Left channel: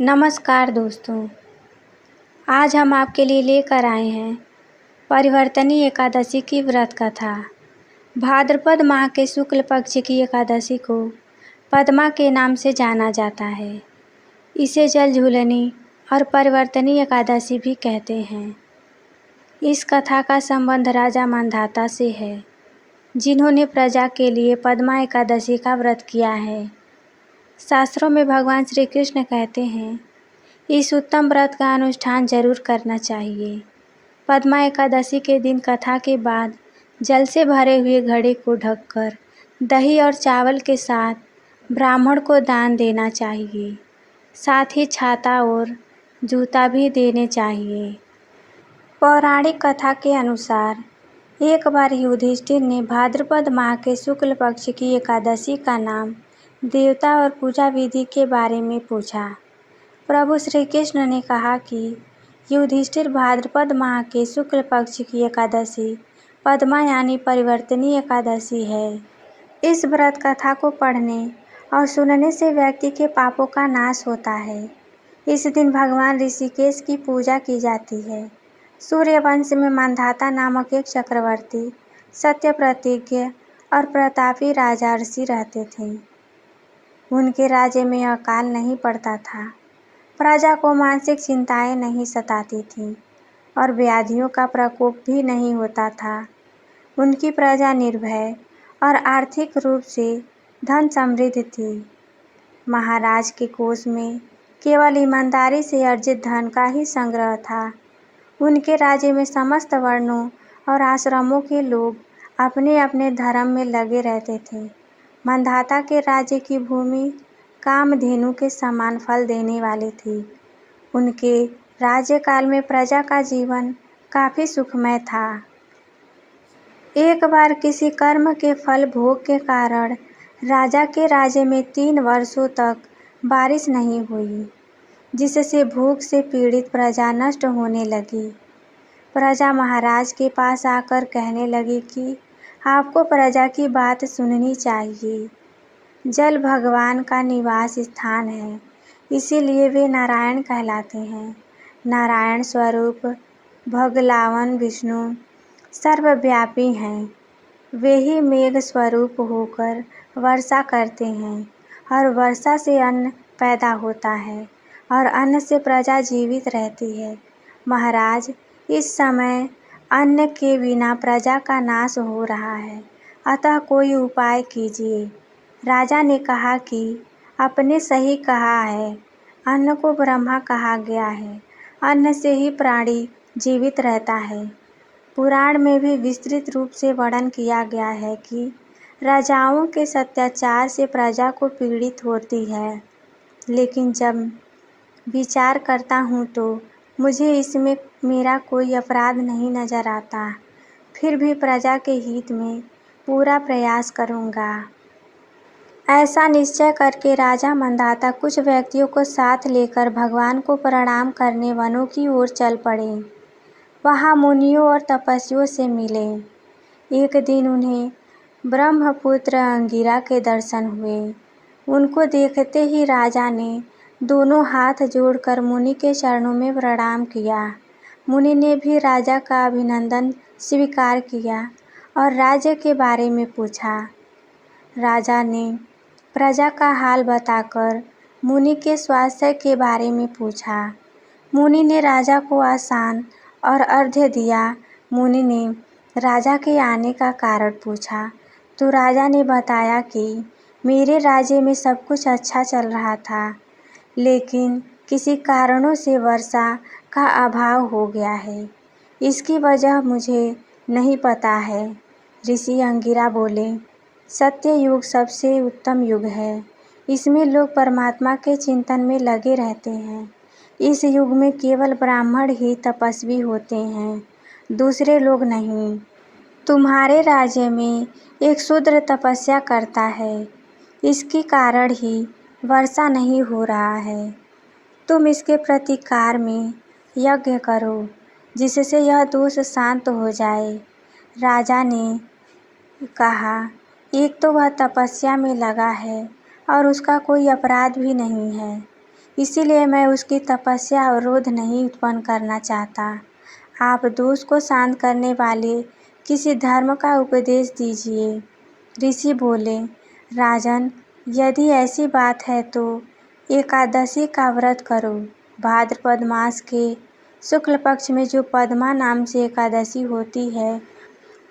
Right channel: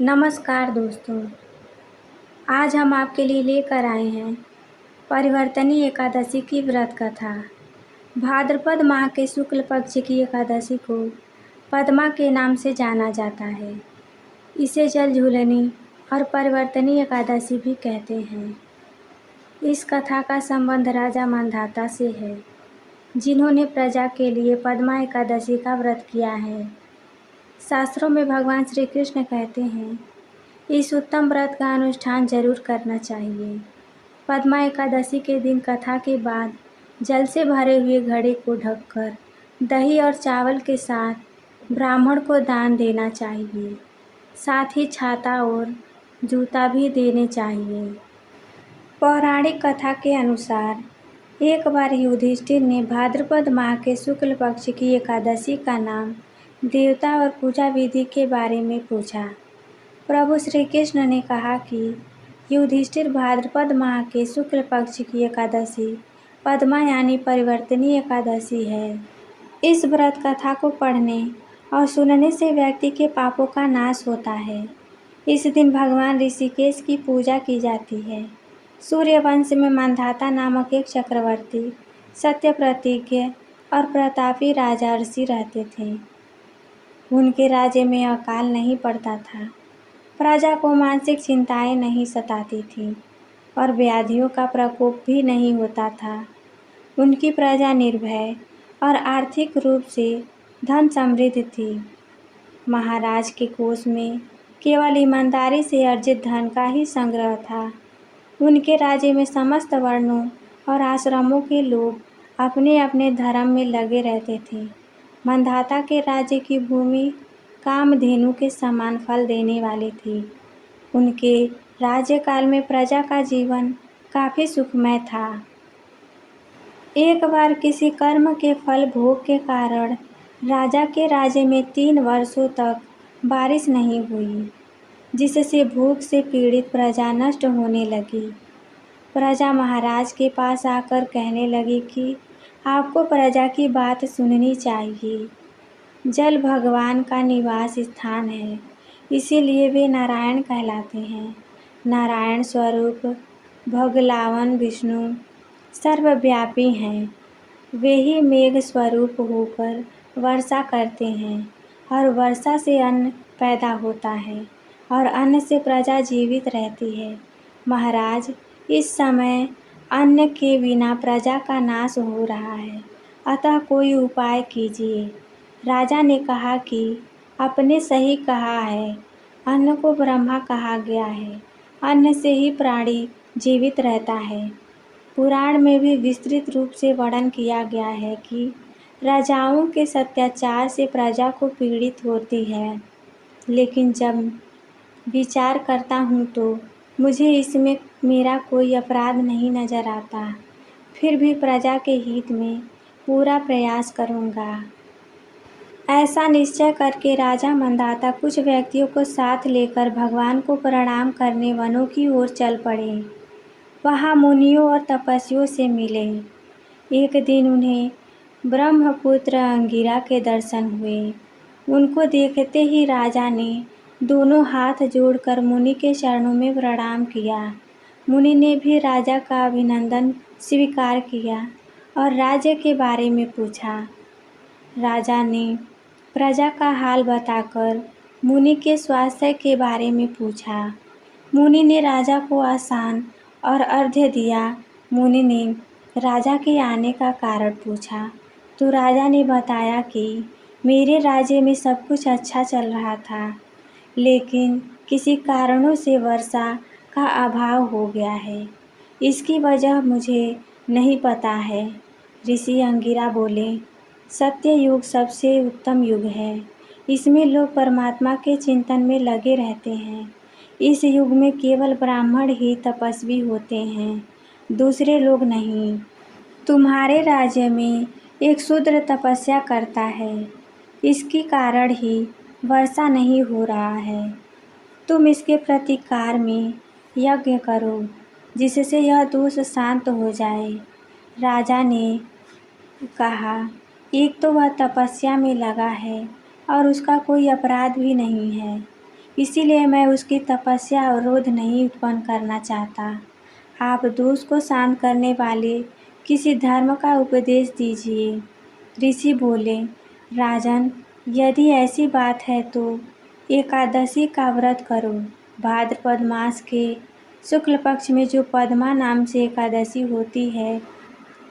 नमस्कार दोस्तों। आज हम आपके लिए लेकर आए हैं परिवर्तनी एकादशी की व्रत कथा। भाद्रपद माह के शुक्ल पक्ष की एकादशी को पद्मा के नाम से जाना जाता है। इसे जल झूलनी और परिवर्तनी एकादशी भी कहते हैं। इस कथा का संबंध राजा मांधाता से है, जिन्होंने प्रजा के लिए पद्मा एकादशी का व्रत किया है। शास्त्रों में भगवान श्री कृष्ण कहते हैं, इस उत्तम व्रत का अनुष्ठान जरूर करना चाहिए। पद्मा एकादशी के दिन कथा के बाद जल से भरे हुए घड़े को ढककर दही और चावल के साथ ब्राह्मण को दान देना चाहिए। साथ ही छाता और जूता भी देने चाहिए। पौराणिक कथा के अनुसार एक बार युधिष्ठिर ने भाद्रपद माह के शुक्ल पक्ष की एकादशी का नाम, देवता और पूजा विधि के बारे में पूछा। प्रभु श्री कृष्ण ने कहा कि युधिष्ठिर, भाद्रपद माह के शुक्ल पक्ष की एकादशी पद्मा यानी परिवर्तनी एकादशी है। इस व्रत कथा को पढ़ने और सुनने से व्यक्ति के पापों का नाश होता है। इस दिन भगवान ऋषिकेश की पूजा की जाती है। सूर्यवंश में मांधाता नामक एक चक्रवर्ती, सत्य प्रतिज्ञ और प्रतापी राजर्षि रहते थे। उनके राज्य में अकाल नहीं पड़ता था, प्रजा को मानसिक चिंताएं नहीं सताती थीं और व्याधियों का प्रकोप भी नहीं होता था। उनकी प्रजा निर्भय और आर्थिक रूप से धन समृद्ध थी। महाराज के कोष में केवल ईमानदारी से अर्जित धन का ही संग्रह था। उनके राज्य में समस्त वर्णों और आश्रमों के लोग अपने अपने धर्म में लगे रहते थे। मांधाता के राज्य की भूमि कामधेनु के समान फल देने वाली थी। उनके राज्यकाल में प्रजा का जीवन काफी सुखमय था। एक बार किसी कर्म के फल भोग के कारण राजा के राज्य में 3 वर्षों तक बारिश नहीं हुई, जिससे भूख से पीड़ित प्रजा नष्ट होने लगी। प्रजा महाराज के पास आकर कहने लगी कि आपको प्रजा की बात सुननी चाहिए। जल भगवान का निवास स्थान है, इसीलिए वे नारायण कहलाते हैं। नारायण स्वरूप भगवान विष्णु सर्वव्यापी हैं। वे ही मेघ स्वरूप होकर वर्षा करते हैं और वर्षा से अन्न पैदा होता है और अन्न से प्रजा जीवित रहती है। महाराज, इस समय अन्न के बिना प्रजा का नाश हो रहा है, अतः कोई उपाय कीजिए। राजा ने कहा कि आपने सही कहा है, अन्न को ब्रह्मा कहा गया है। अन्न से ही प्राणी जीवित रहता है। पुराण में भी विस्तृत रूप से वर्णन किया गया है कि राजाओं के अत्याचार से प्रजा को पीड़ित होती है, लेकिन जब विचार करता हूँ तो मुझे इसमें मेरा कोई अपराध नहीं नजर आता। फिर भी प्रजा के हित में पूरा प्रयास करूँगा। ऐसा निश्चय करके राजा मांधाता कुछ व्यक्तियों को साथ लेकर भगवान को प्रणाम करने वनों की ओर चल पड़े। वहाँ मुनियों और तपस्वियों से मिले। एक दिन उन्हें ब्रह्मपुत्र अंगिरा के दर्शन हुए। उनको देखते ही राजा ने दोनों हाथ जोड़कर मुनि के चरणों में प्रणाम किया। मुनि ने भी राजा का अभिनंदन स्वीकार किया और राज्य के बारे में पूछा। राजा ने प्रजा का हाल बताकर मुनि के स्वास्थ्य के बारे में पूछा। मुनि ने राजा को आसन और अर्घ्य दिया। मुनि ने राजा के आने का कारण पूछा तो राजा ने बताया कि मेरे राज्य में सब कुछ अच्छा चल रहा था, लेकिन किसी कारणों से वर्षा का अभाव हो गया है। इसकी वजह मुझे नहीं पता है। ऋषि अंगिरा बोले, सत्य युग सबसे उत्तम युग है। इसमें लोग परमात्मा के चिंतन में लगे रहते हैं। इस युग में केवल ब्राह्मण ही तपस्वी होते हैं, दूसरे लोग नहीं। तुम्हारे राज्य में एक शूद्र तपस्या करता है, इसके कारण ही वर्षा नहीं हो रहा है। तुम इसके प्रतिकार में यज्ञ करो, जिससे यह दोष शांत हो जाए। राजा ने कहा, एक तो वह तपस्या में लगा है और उसका कोई अपराध भी नहीं है। इसीलिए मैं उसकी तपस्या और क्रोध नहीं उत्पन्न करना चाहता। आप दोष को शांत करने वाले किसी धर्म का उपदेश दीजिए। ऋषि बोले, राजन, यदि ऐसी बात है तो एकादशी का व्रत करो। भाद्रपद मास के शुक्ल पक्ष में जो पद्मा नाम से एकादशी होती है,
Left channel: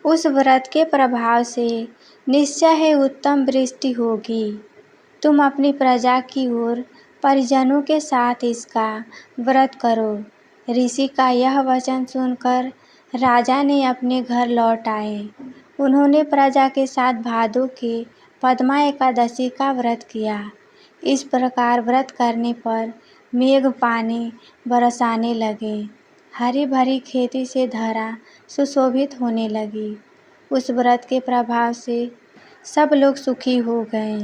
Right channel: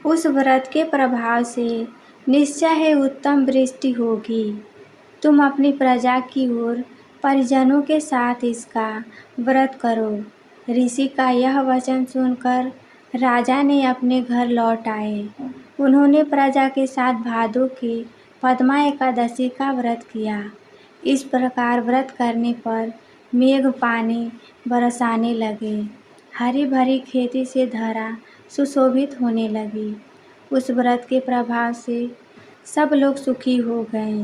उस व्रत के प्रभाव से निश्चय ही उत्तम वृष्टि होगी। तुम अपनी प्रजा की ओर परिजनों के साथ इसका व्रत करो। ऋषि का यह वचन सुनकर राजा ने अपने घर लौट आए। उन्होंने प्रजा के साथ भादों के पद्मा एकादशी का व्रत किया। इस प्रकार व्रत करने पर मेघ पानी बरसाने लगे। हरी भरी खेती से धरा सुशोभित होने लगी। उस व्रत के प्रभाव से सब लोग सुखी हो गए।